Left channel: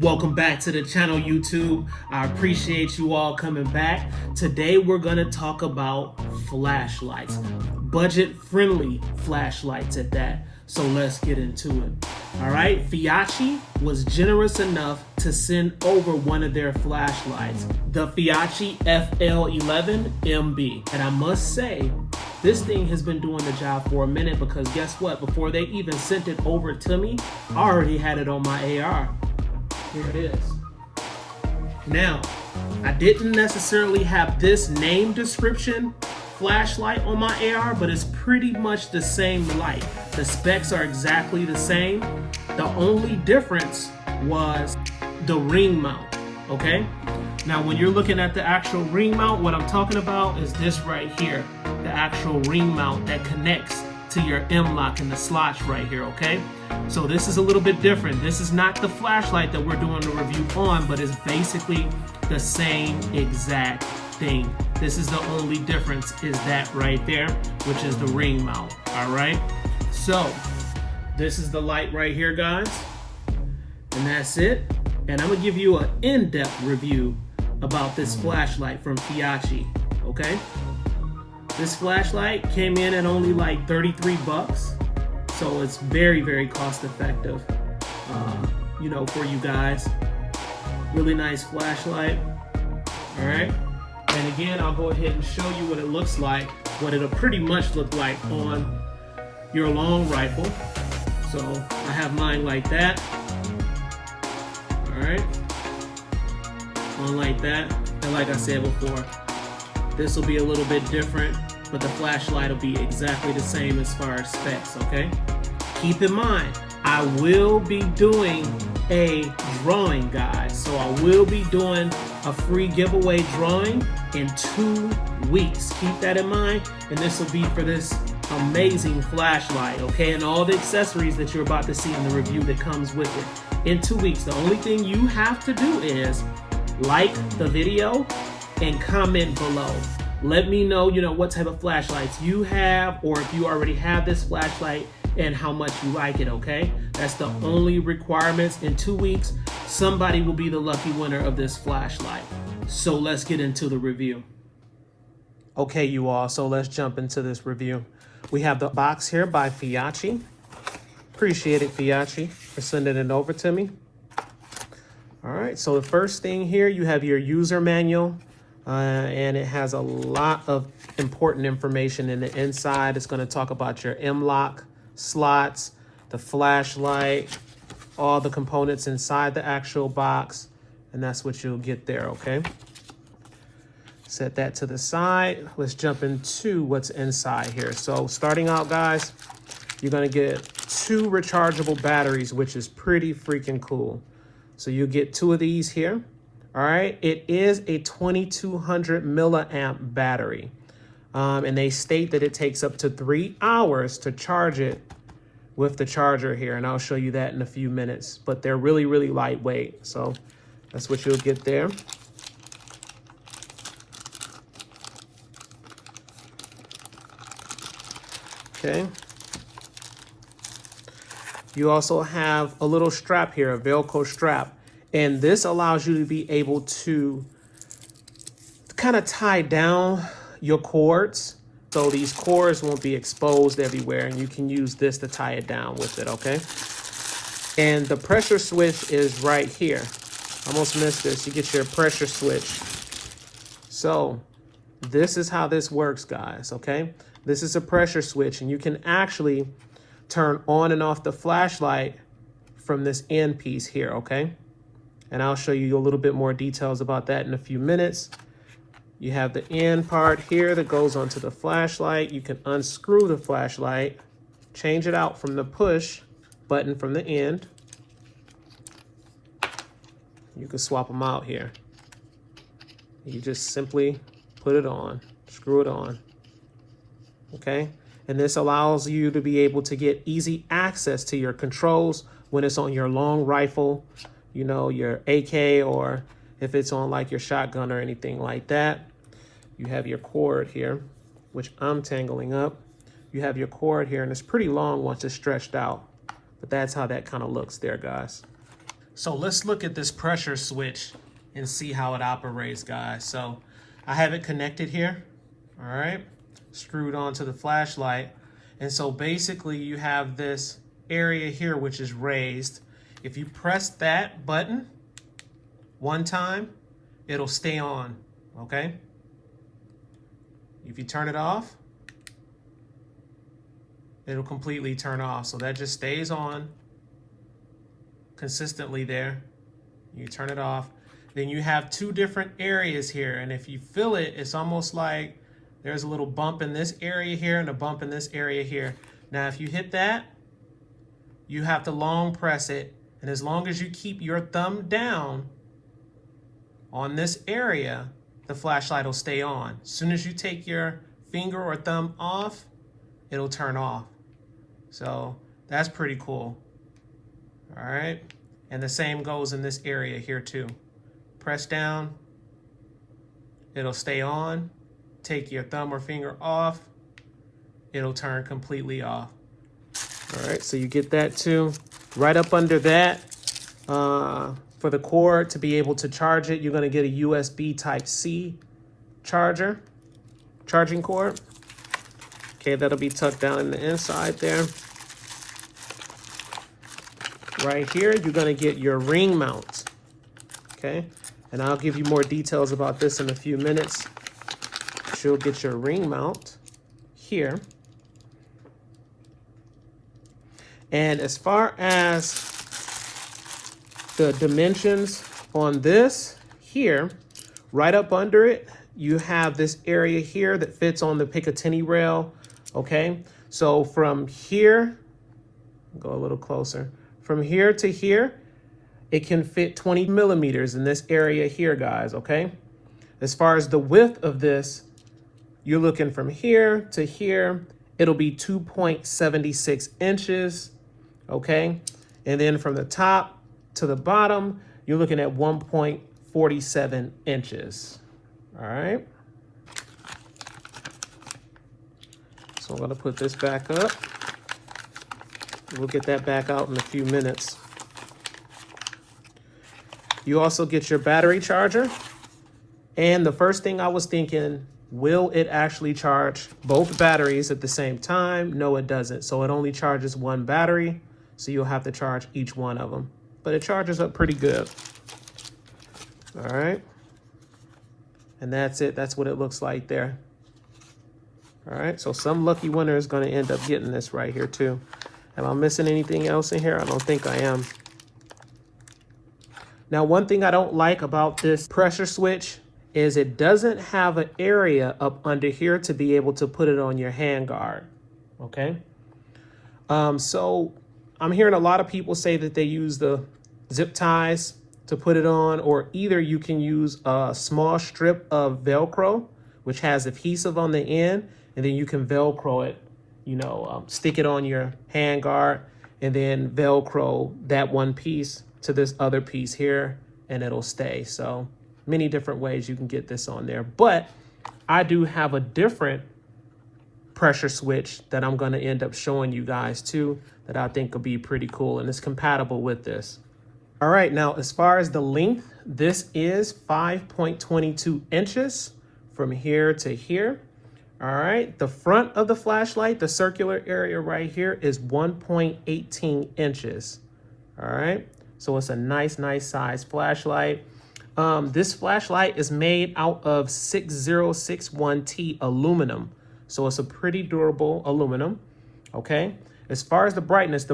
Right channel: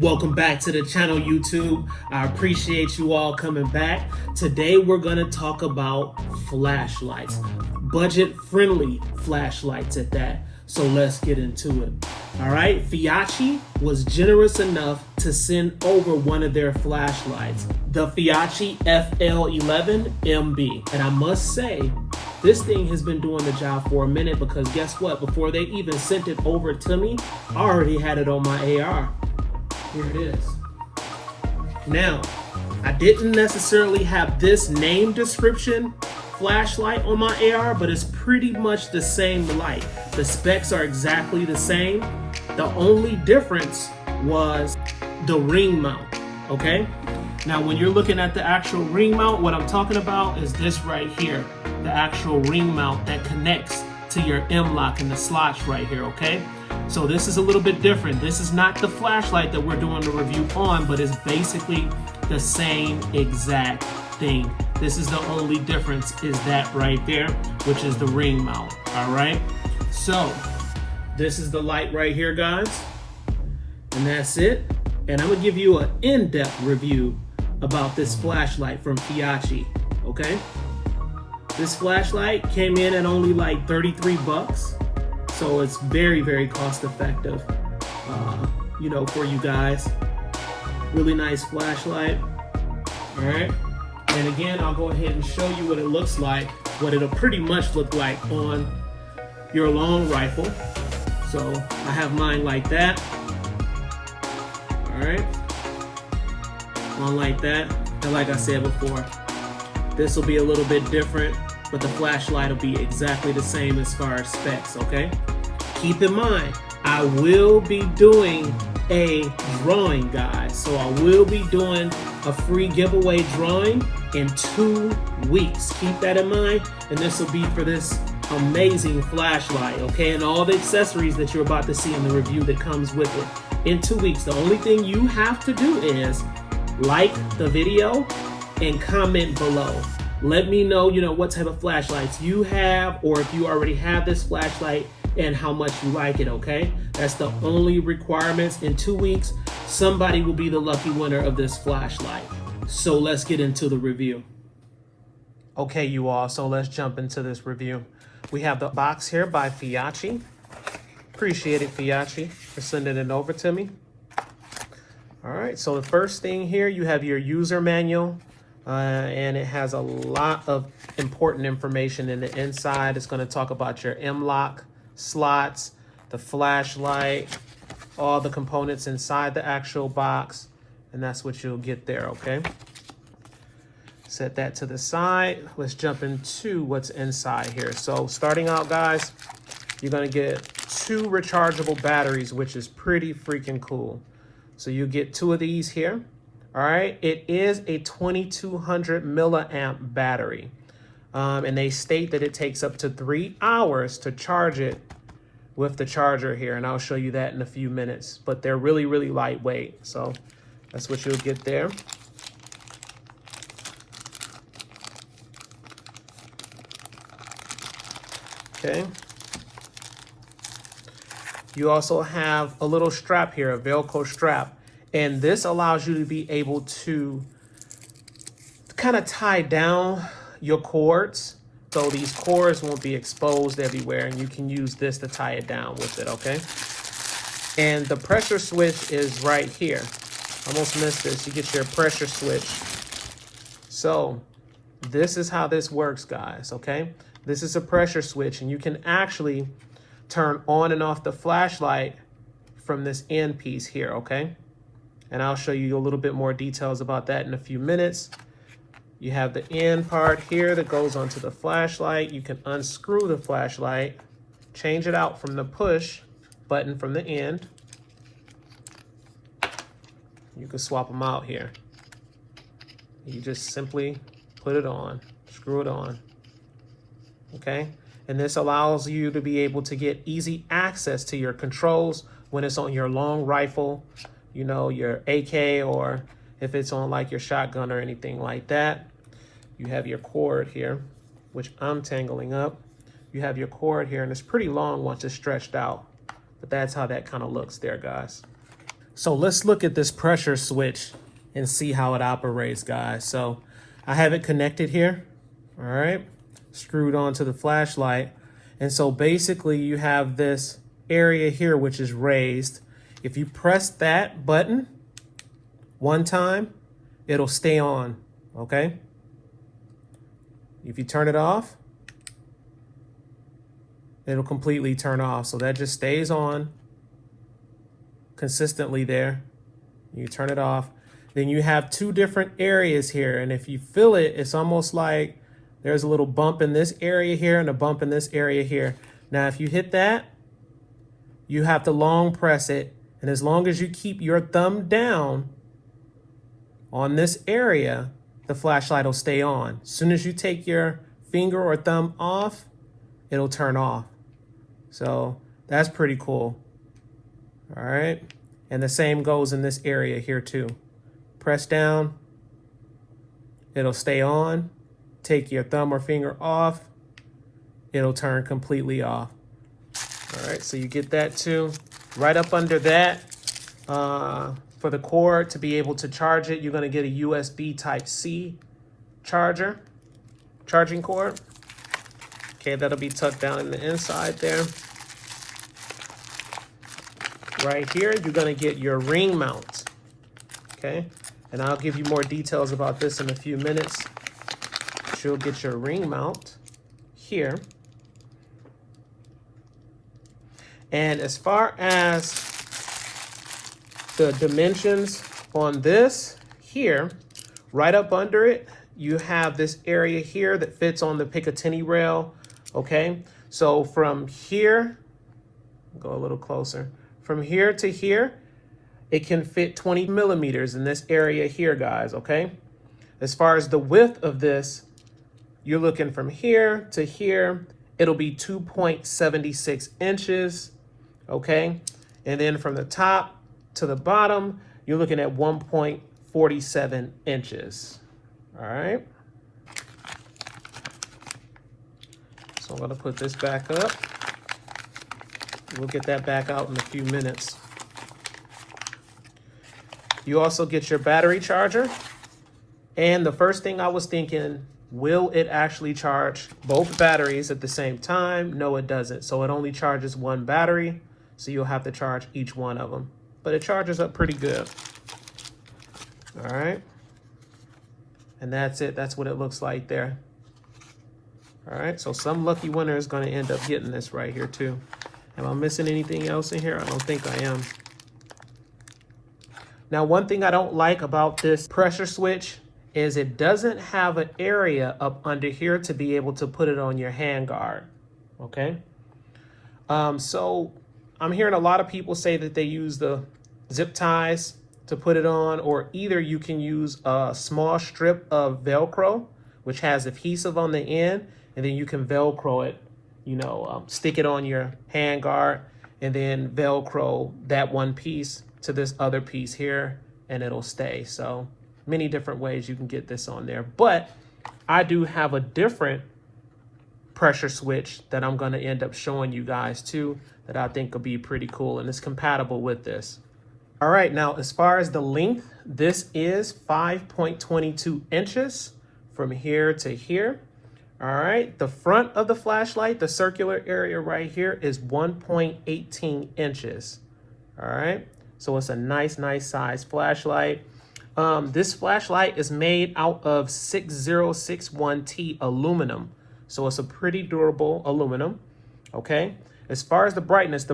Welcome back to the channel, YouTube. I appreciate you all coming back. Today we're gonna talk about flashlights, budget-friendly flashlights at that. So let's get into it. All right, Feyachi was generous enough to send over one of their flashlights, the Feyachi FL11-MB. And I must say, this thing has been doing the job for a minute because guess what? Before they even sent it over to me, I already had it on my AR. Here it is. Now, I didn't necessarily have this name description flashlight on my AR, but it's pretty much the same light. The specs are exactly the same. The only difference was the ring mount, okay? Now, when you're looking at the actual ring mount, what I'm talking about is this right here, the actual ring mount that connects to your M-LOK and the slots right here, okay? So this is a little bit different. This is not the flashlight that we're doing the review on, but it's basically the same exact thing. This is the only difference is that right there, which is the ring mount, all right? So this is the light right here, guys, and that's it. And I'm gonna give you an in-depth review about this flashlight from Feyachi, okay? This flashlight came in at only like 33 bucks. So it's very, very cost effective, you know, for you guys. Really nice flashlight, all right? And again, I'll go ahead and show you what it looks like, what it'll pretty much look like on your long rifle. So I have mine like that, all right? On like that, and like I said before, this will be a little bit different, but the flashlight will be exactly the same as far as specs, okay? Keep in mind, I will be doing a drawing, guys. So I will be doing a free giveaway drawing in 2 weeks. Keep that in mind, and this will be for this amazing flashlight, okay? And all the accessories that you're about to see in the review that comes with it. In 2 weeks, the only thing you have to do is like the video and comment below. Let me know, what type of flashlights you have, or if you already have this flashlight and how much you like it, okay? That's the only requirements. In 2 weeks, somebody will be the lucky winner of this flashlight. So let's get into the review. Okay, you all, so let's jump into this review. We have the box here by Feyachi. Appreciate it, Feyachi, for sending it over to me. All right, so the first thing here, you have your user manual. And it has a lot of important information in the inside. It's going to talk about your M-LOK slots, the flashlight, all the components inside the actual box, and that's what you'll get there, okay? Set that to the side. Let's jump into what's inside here. So starting out, guys, you're going to get 2 rechargeable batteries, which is pretty freaking cool. So you'll get 2 of these here. All right, it is a 2200 milliamp battery. And they state that it takes up to 3 hours to charge it with the charger here. And I'll show you that in a few minutes, but they're really, really lightweight. So that's what you'll get there. Okay. You also have a little strap here, a Velcro strap. And this allows you to be able to kind of tie down your cords, so these cords won't be exposed everywhere, and you can use this to tie it down with it, okay? And the pressure switch is right here. Almost missed this. You get your pressure switch. So this is how this works, guys, okay? This is a pressure switch, and you can actually turn on and off the flashlight from this end piece here, okay? And I'll show you a little bit more details about that in a few minutes. You have the end part here that goes onto the flashlight. You can unscrew the flashlight, change it out from the push button from the end. You can swap them out here. You just simply put it on, screw it on, okay? And this allows you to be able to get easy access to your controls when it's on your long rifle, your AK, or if it's on like your shotgun or anything like that. You have your cord here, which I'm tangling up. You have your cord here, and it's pretty long once it's stretched out, but that's how that kind of looks there, guys. So let's look at this pressure switch and see how it operates, guys. So I have it connected here, all right, screwed onto the flashlight. And so basically you have this area here, which is raised. If you press that button one time, it'll stay on, okay? If you turn it off, it'll completely turn off. So that just stays on consistently there. You turn it off. Then you have two different areas here. And if you feel it, it's almost like there's a little bump in this area here and a bump in this area here. Now, if you hit that, you have to long press it. And as long as you keep your thumb down on this area, the flashlight will stay on. As soon as you take your finger or thumb off, it'll turn off. So that's pretty cool. All right. And the same goes in this area here too. Press down, it'll stay on. Take your thumb or finger off, it'll turn completely off. All right, so you get that too. Right up under that, for the cord to be able to charge it, you're gonna get a USB Type-C charging cord. Okay, that'll be tucked down in the inside there. Right here, you're gonna get your ring mount, okay? And I'll give you more details about this in a few minutes. But you'll get your ring mount here. And as far as the dimensions on this here, right up under it, you have this area here that fits on the Picatinny rail, okay? So from here, go a little closer. From here to here, it can fit 20 millimeters in this area here, guys, okay? As far as the width of this, you're looking from here to here, it'll be 2.76 inches, okay? And then from the top to the bottom, you're looking at 1.47 inches, all right? So I'm gonna put this back up. We'll get that back out in a few minutes. You also get your battery charger. And the first thing I was thinking, will it actually charge both batteries at the same time? No, it doesn't. So it only charges one battery. So you'll have to charge each one of them. But it charges up pretty good. All right. And that's it. That's what it looks like there. All right. So some lucky winner is going to end up getting this right here too. Am I missing anything else in here? I don't think I am. Now, one thing I don't like about this pressure switch is it doesn't have an area up under here to be able to put it on your hand guard, okay? So I'm hearing a lot of people say that they use the zip ties to put it on, or either you can use a small strip of Velcro, which has adhesive on the end, and then you can Velcro it, you know, stick it on your hand guard and then Velcro that one piece to this other piece here and it'll stay. So many different ways you can get this on there, but I do have a different pressure switch that I'm going to end up showing you guys too that I think will be pretty cool and it's compatible with this. All right, now as far as the length, this is 5.22 inches from here to here. All right, the front of the flashlight, the circular area right here is 1.18 inches. All right, so it's a nice size flashlight. This flashlight is made out of 6061T aluminum. So it's a pretty durable aluminum, okay? As far as the brightness,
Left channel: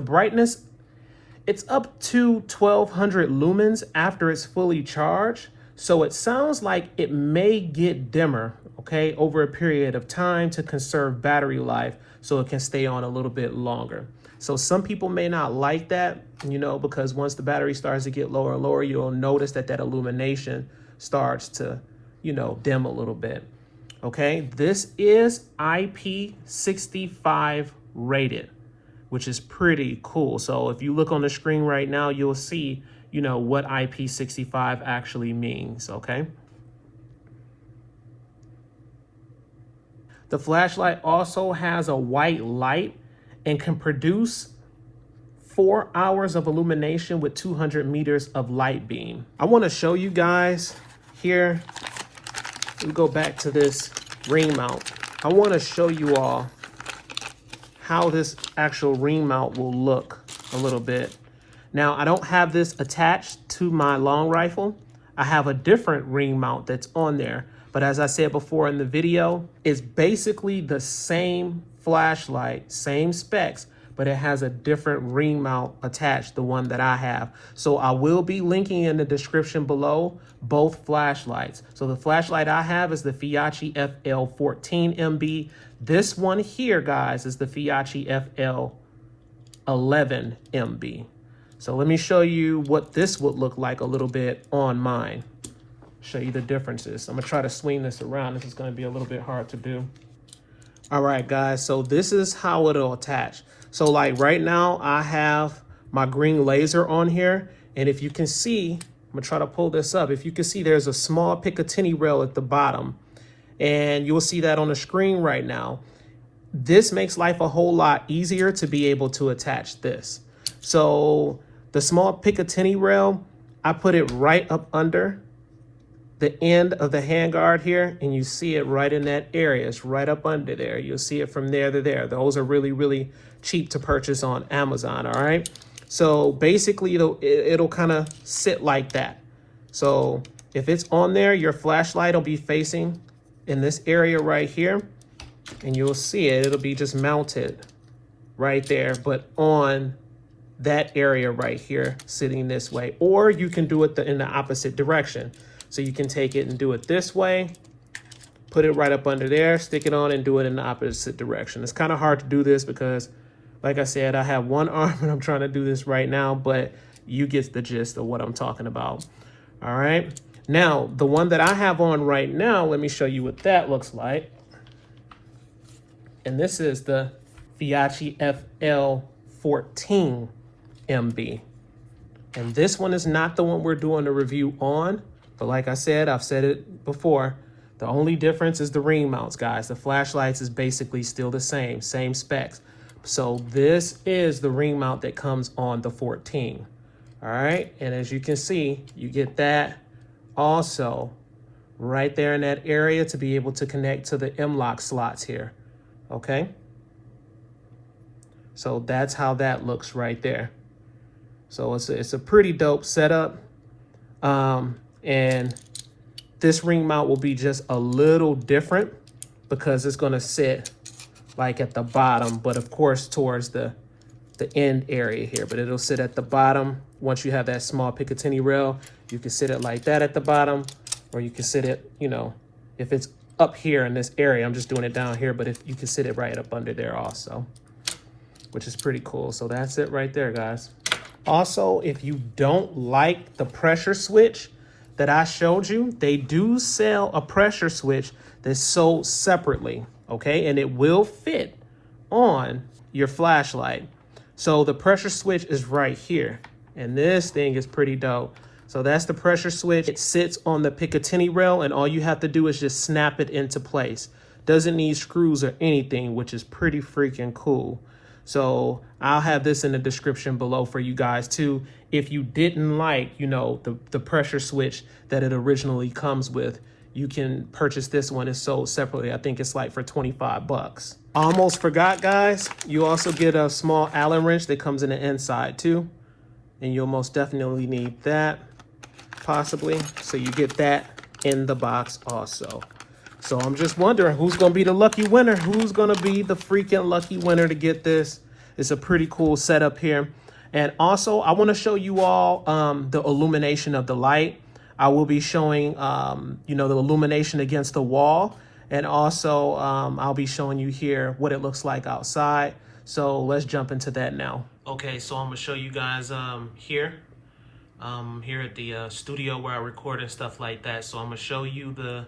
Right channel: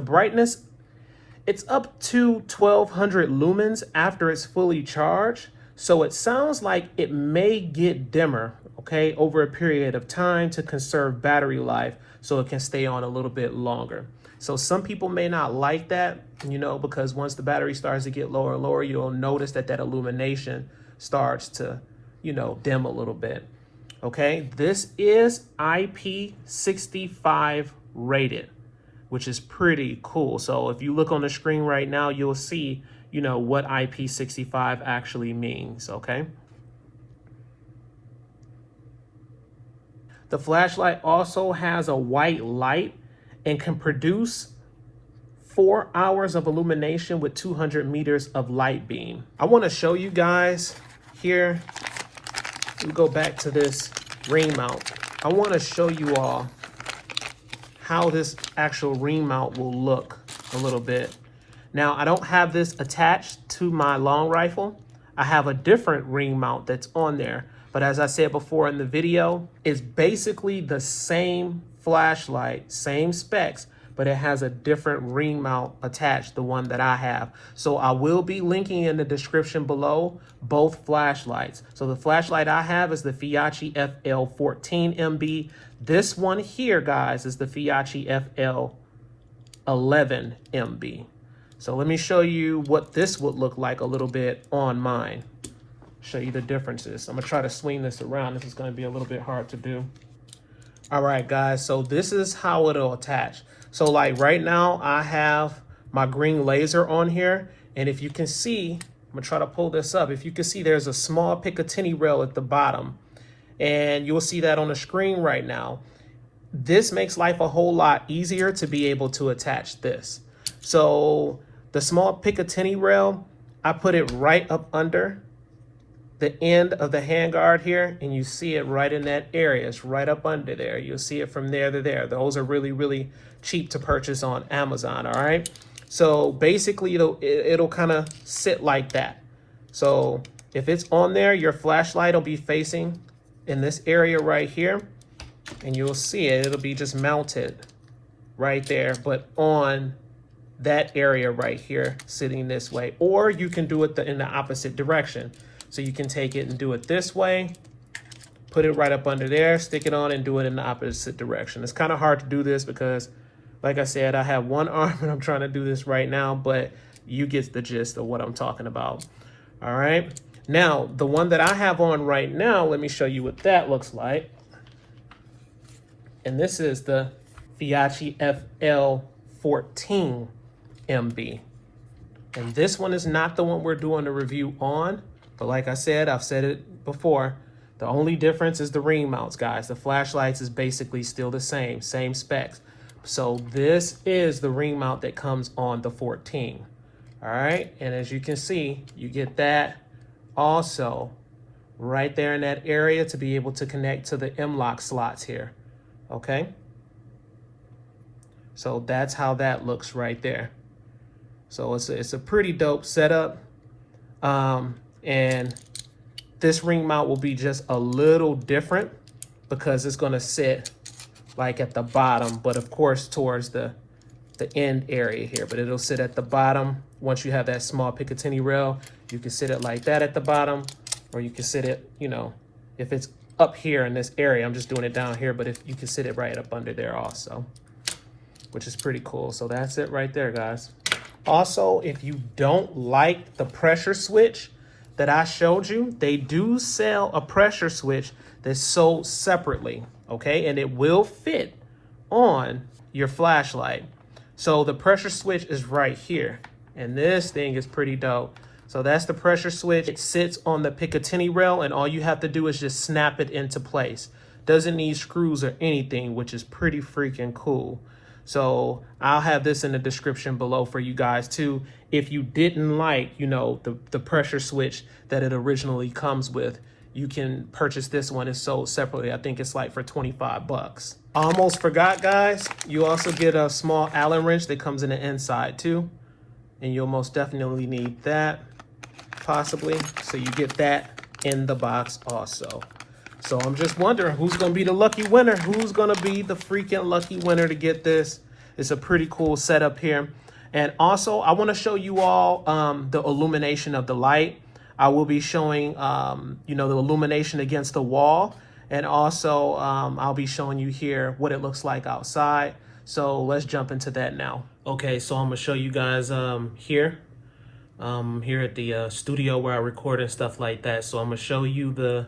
it's up to 1200 lumens after it's fully charged. So it sounds like it may get dimmer, okay, over a period of time to conserve battery life so it can stay on a little bit longer. So some people may not like that, you know, because once the battery starts to get lower and lower, you'll notice that that illumination starts to, you know, dim a little bit. Okay, this is IP65 rated, which is pretty cool. So if you look on the screen right now, you'll see, you know, what IP65 actually means, okay? The flashlight also has a white light and can produce 4 hours of illumination with 200 meters of light beam. I want to show you guys here. We go back to this ring mount. I want to show you all how this actual ring mount will look a little bit. Now, I don't have this attached to my long rifle. I have a different ring mount that's on there. But as I said before in the video, it's basically the same flashlight, same specs, but it has a different ring mount attached, the one that I have. So I will be linking in the description below both flashlights. So the flashlight I have is the Feyachi FL11-MB. This one here, guys, is the Feyachi FL11-MB. So let me show you what this would look like a little bit on mine. Show you the differences. I'm gonna try to swing this around. This is gonna be a little bit hard to do. All right, guys, so this is how it'll attach. So like right now, I have my green laser on here. And if you can see, I'm gonna try to pull this up. If you can see, there's a small Picatinny rail at the bottom. And you'll see that on the screen right now. This makes life a whole lot easier to be able to attach this. So the small Picatinny rail, I put it right up under the end of the handguard here, and you see it right in that area. It's right up under there. You'll see it from there to there. Those are really, really cheap to purchase on Amazon, all right? So basically, it'll kind of sit like that. So if it's on there, your flashlight will be facing in this area right here, and you'll see it. It'll be just mounted right there, but on that area right here, sitting this way. Or you can do it in the opposite direction. So you can take it and do it this way, put it right up under there, stick it on and do it in the opposite direction. It's kind of hard to do this because, like I said, I have one arm and I'm trying to do this right now, but you get the gist of what I'm talking about. All right. Now, the one that I have on right now, let me show you what that looks like. And this is the Feyachi FL11-MB. And this one is not the one we're doing a review on. But like I said, I've said it before, the only difference is the ring mounts, guys. The flashlights is basically still the same specs. So this is the ring mount that comes on the 14. All right, and as you can see, you get that also right there in that area to be able to connect to the M-LOK slots here, okay? So that's how that looks right there. So it's a pretty dope setup. And this ring mount will be just a little different because it's gonna sit like at the bottom, but of course towards the end area here, but it'll sit at the bottom. Once you have that small Picatinny rail, you can sit it like that at the bottom, or you can sit it, you know, if it's up here in this area, I'm just doing it down here, but if you can sit it right up under there also, which is pretty cool. So that's it right there, guys. Also, if you don't like the pressure switch that I showed you, they do sell a pressure switch that's sold separately, okay? And it will fit on your flashlight. So the pressure switch is right here, and this thing is pretty dope. So that's the pressure switch. It sits on the Picatinny rail, and all you have to do is just snap it into place. Doesn't need screws or anything, which is pretty freaking cool. So I'll have this in the description below for you guys too. If you didn't like, you know, the pressure switch that it originally comes with, you can purchase this one. It's sold separately. I think it's like for 25 bucks. I almost forgot, guys. You also get a small Allen wrench that comes in the inside too. And you'll most definitely need that, possibly. So you get that in the box also. So I'm just wondering who's gonna be the lucky winner? Who's gonna be the freaking lucky winner to get this? It's a pretty cool setup here. And also I wanna show you all the illumination of the light. I will be showing, you know, the illumination against the wall. And also I'll be showing you here what it looks like outside. So let's jump into that now. Okay, so I'm gonna show you guys here at the studio where I record and stuff like that. So I'm gonna show you the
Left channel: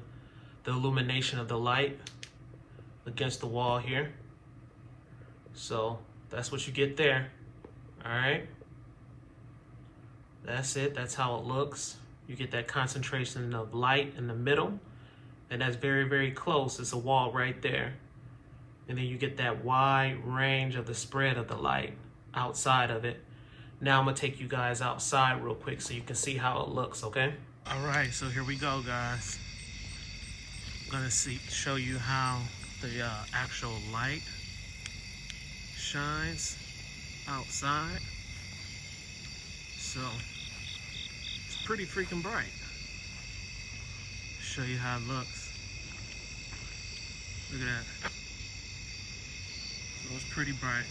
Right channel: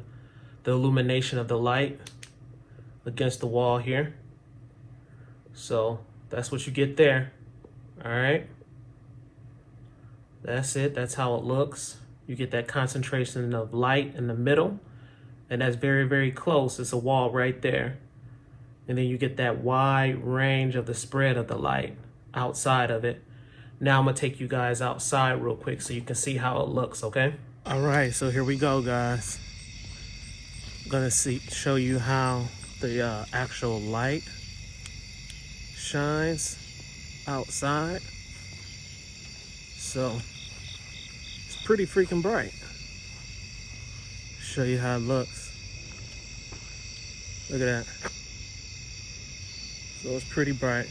illumination of the light against the wall here. So that's what you get there. All right, that's it. That's how it looks. You get that concentration of light in the middle, and that's very, very close. It's a wall right there. And then you get that wide range of the spread of the light outside of it. Now I'm gonna take you guys outside real quick so you can see how it looks, okay? All right, so here we go, guys. I'm gonna show you how the actual light shines outside. So it's pretty freaking bright. Show you how it looks. Look at that. So it's pretty bright.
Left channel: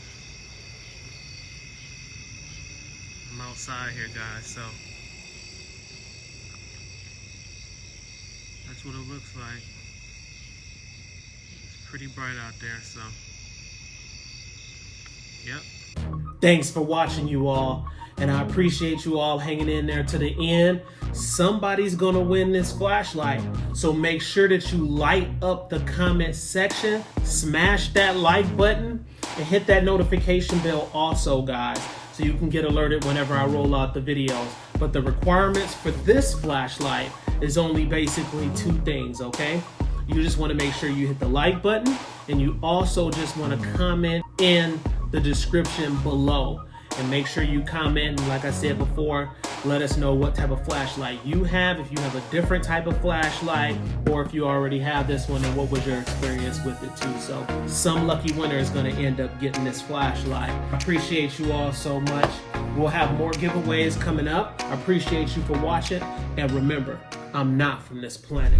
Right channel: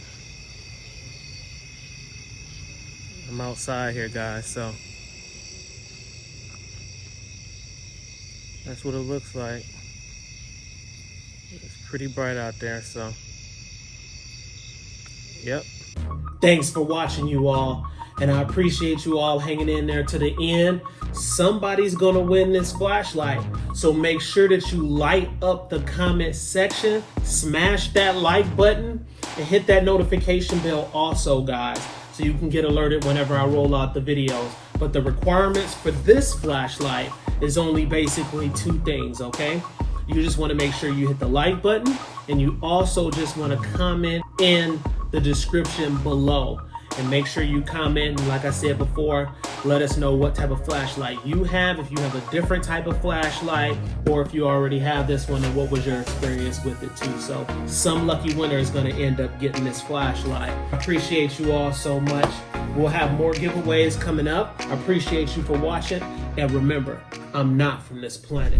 I'm outside here, guys, so that's what it looks like. It's pretty bright out there, so yep. Thanks for watching, you all, and I appreciate you all hanging in there to the end. Somebody's gonna win this flashlight, so make sure that you light up the comment section, smash that like button, and hit that notification bell also, guys, so you can get alerted whenever I roll out the videos. But the requirements for this flashlight is only basically 2 things, okay? You just want to make sure you hit the like button, and you also just want to comment in the description below. And make sure you comment, and like I said before, let us know what type of flashlight you have, if you have a different type of flashlight, or if you already have this one and what was your experience with it too. So some lucky winner is going to end up getting this flashlight. I appreciate you all so much. We'll have more giveaways coming up. I appreciate you for watching, and remember, I'm not from this planet.